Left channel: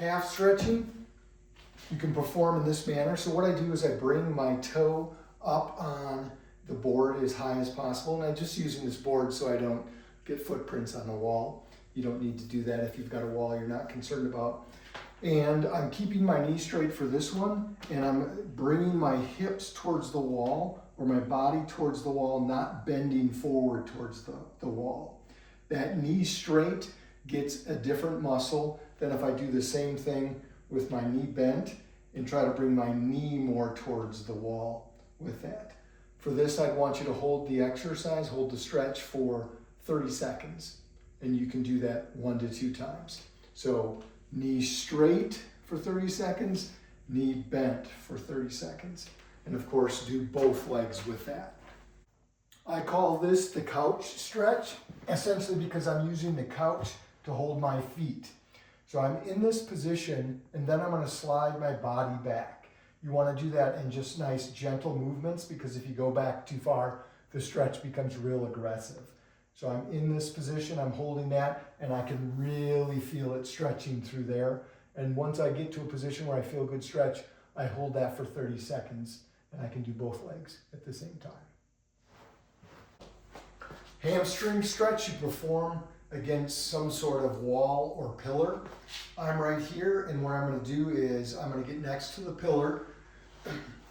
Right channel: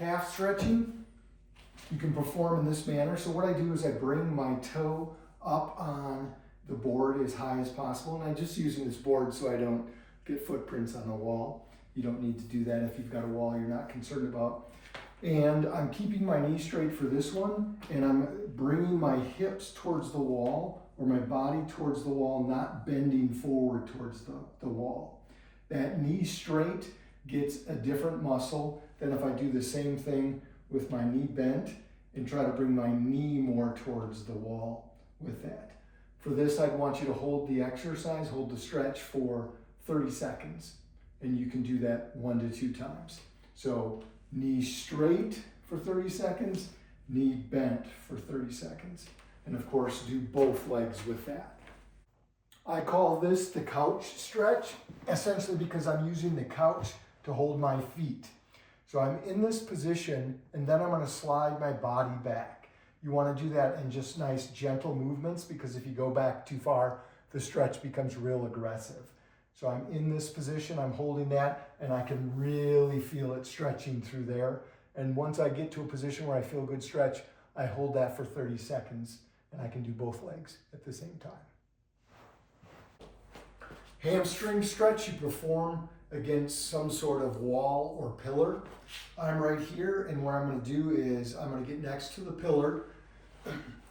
Calf stretching, you can perform in this manner. So what I do is I bring my toe up on the board as high as possible, and I'm just using this board so I don't get footprints on the wall. You don't need to do that if you've got a wall you're not concerned about. And I'm keeping my knee straight for this one, and I'm bringing my hips towards the wall, or my body towards the wall, not bending forward towards the wall. That knee straight gets a different muscle than if I do the same thing with my knee bent and try to bring my knee more towards the wall with that. For this, I'd want you to hold the exercise, hold the stretch for 30 seconds, and you can do that 1 to 2 times. So knee straight for 30 seconds, knee bent for 30 seconds. And of course, do both legs with that. I call this the couch stretch, essentially because I'm using the couch to hold my feet. So I'm in this position, and then I'm going to slide my body back. You want to do that in just nice, gentle movements, because if you go back too far, the stretch becomes real aggressive. So I'm in this position, I'm holding that, and I can really feel it stretching through there. And once I get to a position where I feel a good stretch, I hold that for 30 seconds, and I can do both legs at the same time. Hamstring stretch you perform against some sort of wall or pillar. I'm right here, and what I'm going to do is I'm going to get next to the pillar.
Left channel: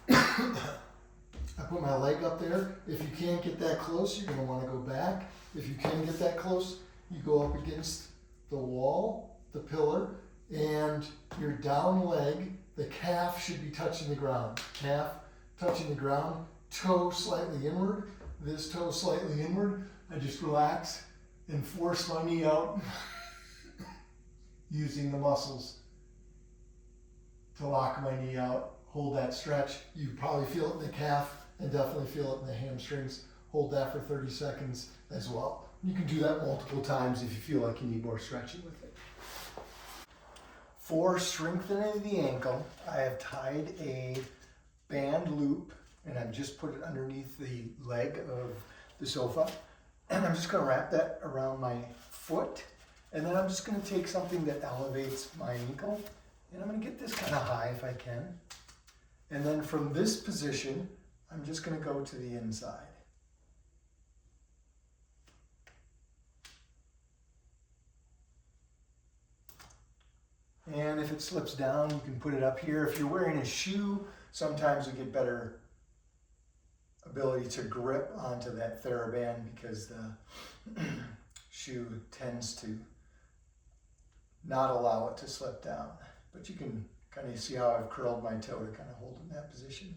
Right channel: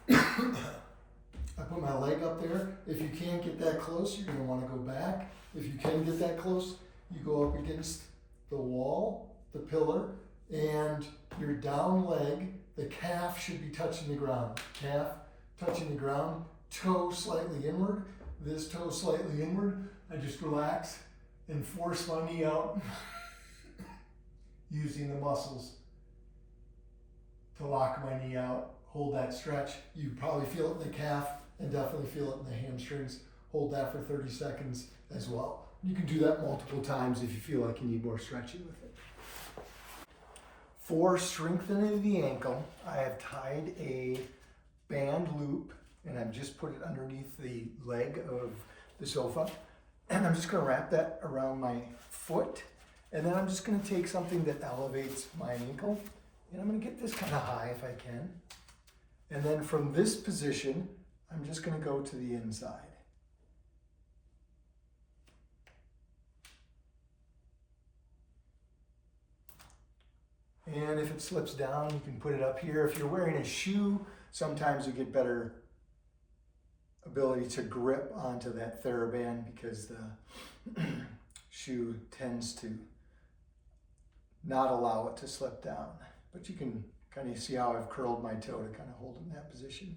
I put my leg up there. If you can't get that close, you're going to want to go back. If you can get that close, you go up against the wall, the pillar, and your down leg, the calf should be touching the ground. Calf touching the ground, toe slightly inward, this toe slightly inward. I just relax and force my knee out using the muscles to lock my knee out. Hold that stretch. You probably feel it in the calf and definitely feel it in the hamstrings. Hold that for 30 seconds as well. You can do that multiple times if you feel like you need more stretching with it. For strengthening the ankle, I have tied a band loop, and I've just put it underneath the leg of the sofa. And I'm just going to wrap that around my foot. And then I'm just going to take something that elevates my ankle, and I'm going to get this kind of high if I can. And then from this position, I'm just going to go to the inside. And if it slips down, you can put it up here. If you're wearing a shoe, sometimes you get better ability to grip onto that TheraBand because the shoe tends to not allow it to slip down. But you can kind of see how I've curled my toe to kind of hold in that position.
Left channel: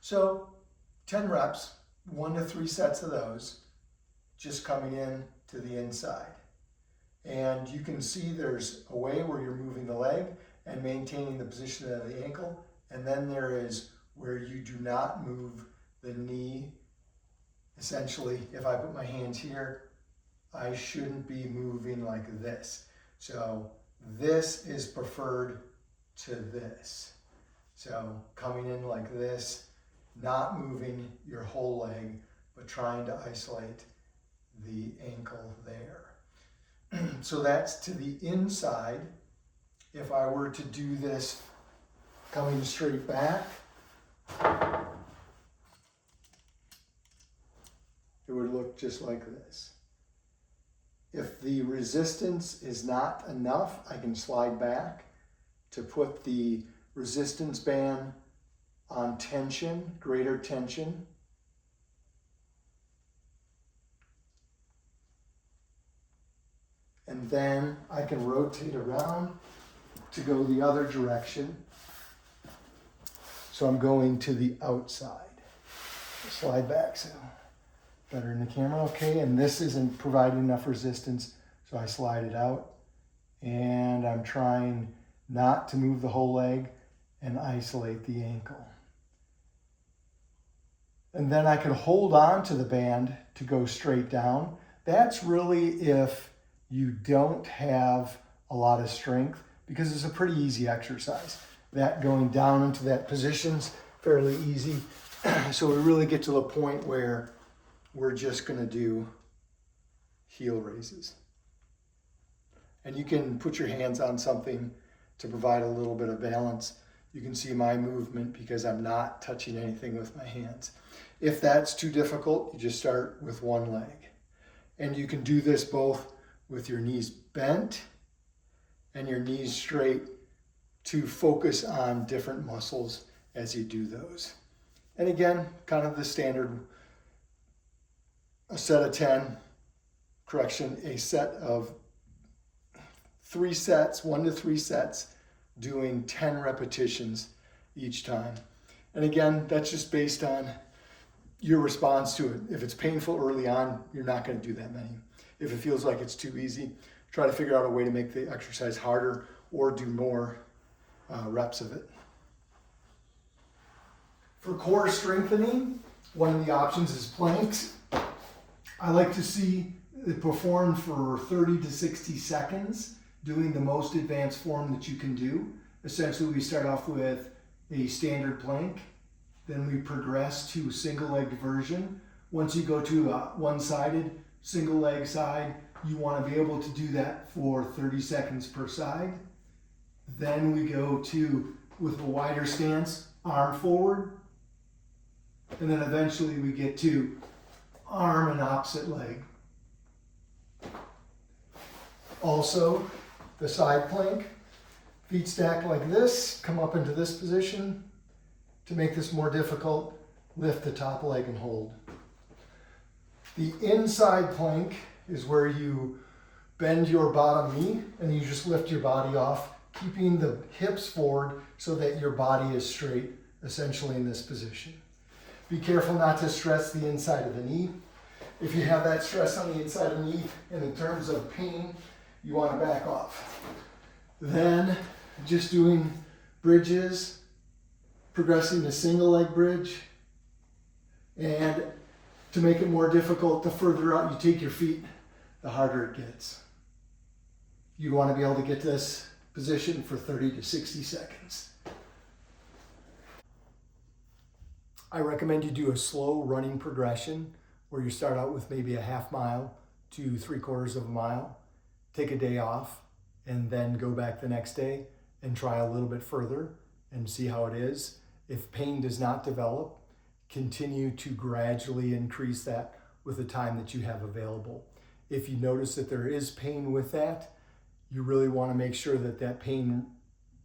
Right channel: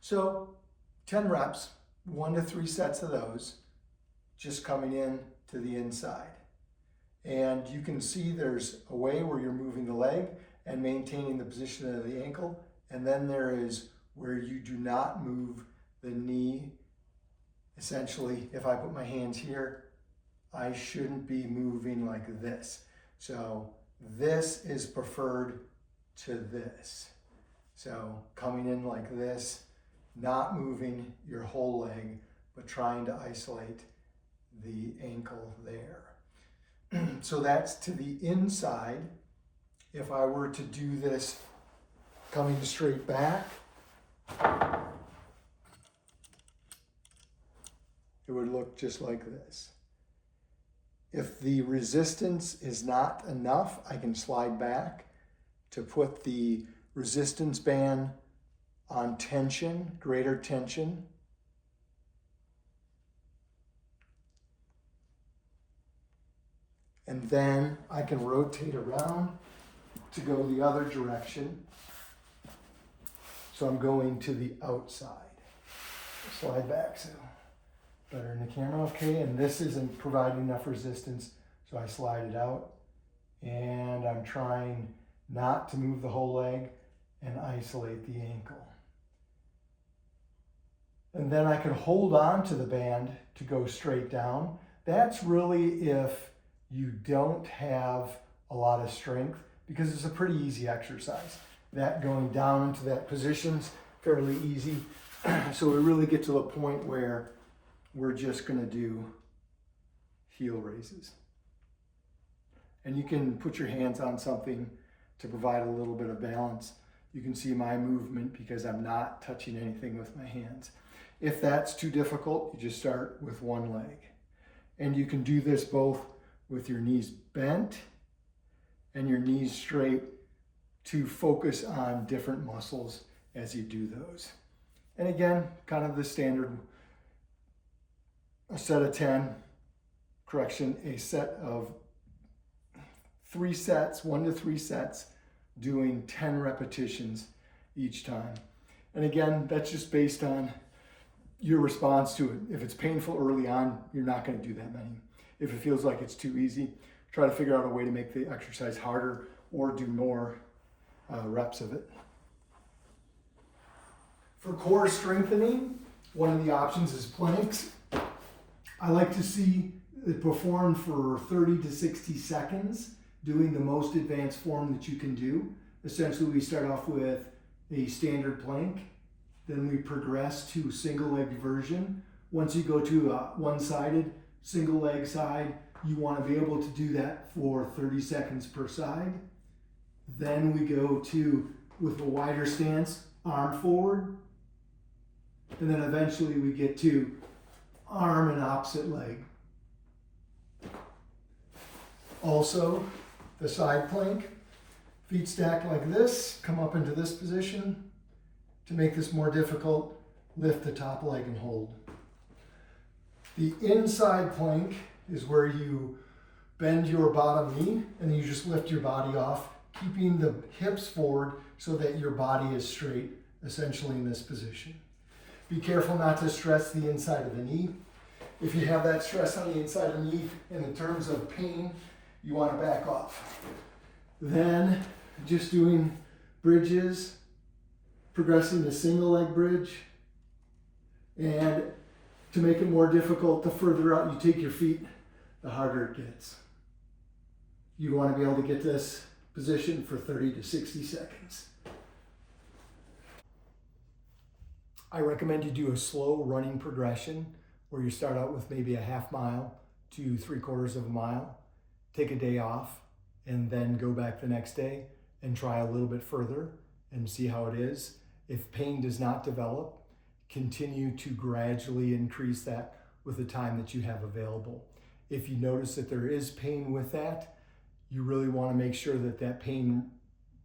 So 10 reps, 1 to 3 sets of those, just coming in to the inside. And you can see there's a way where you're moving the leg and maintaining the position of the ankle. And then there is where you do not move the knee. Essentially, if I put my hands here, I shouldn't be moving like this. So this is preferred to this. So coming in like this, not moving your whole leg, but trying to isolate the ankle there. So that's to the inside. If I were to do this coming straight back, it would look just like this. If the resistance is not enough, I can slide back to put the resistance band on tension, greater tension. And then I can rotate around to go the other direction. So I'm going to the outside. Slide back, so better in the camera, okay? And this isn't providing enough resistance, so I slide it out. And I'm trying not to move the whole leg and isolate the ankle. And then I can hold on to the band to go straight down. That's really if you don't have a lot of strength, because it's a pretty easy exercise. That going down into that position's fairly easy. So we really get to the point where we're just gonna do heel raises. And you can put your hands on something to provide a little bit of balance. You can see my movement because I'm not touching anything with my hands. If that's too difficult, you just start with one leg. And you can do this both with your knees bent and your knees straight to focus on different muscles as you do those. And again, kind of the standard, a set of 10, a set of 3 sets, 1 to 3 sets, doing 10 repetitions each time. And again, that's just based on your response to it. If it's painful early on, you're not going to do that many. If it feels like it's too easy, try to figure out a way to make the exercise harder or do more reps of it. For core strengthening, one of the options is planks. I like to see it performed for 30 to 60 seconds, doing the most advanced form that you can do. Essentially, we start off with a standard plank, then we progress to single-legged version. Once you go to a one-sided, single leg side, you want to be able to do that for 30 seconds per side. Then we go to, with a wider stance, arm forward, and then eventually we get to arm and opposite leg. Also, the side plank, feet stacked like this, come up into this position. To make this more difficult, lift the top leg and hold. The inside plank is where you bend your bottom knee and you just lift your body off, keeping the hips forward so that your body is straight, essentially in this position. Be careful not to stress the inside of the knee. If you have that stress on the inside of the knee, and in terms of pain, you want to back off. Then just doing bridges, progressing to single leg bridge, and to make it more difficult, the further out you take your feet, the harder it gets. You want to be able to get this position for 30 to 60 seconds. I recommend you do a slow running progression where you start out with maybe a half mile to 3/4 of a mile, take a day off, and then go back the next day and try a little bit further and see how it is. If pain does not develop, continue to gradually increase that with the time that you have available. If you notice that there is pain with that, you really want to make sure that that pain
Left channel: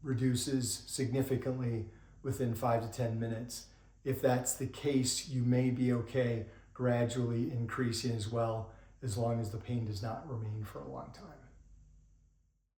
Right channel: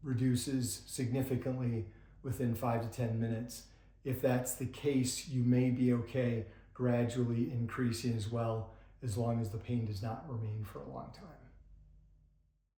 reduces significantly within 5 to 10 minutes. If that's the case, you may be okay gradually increasing as well, as long as the pain does not remain for a long time.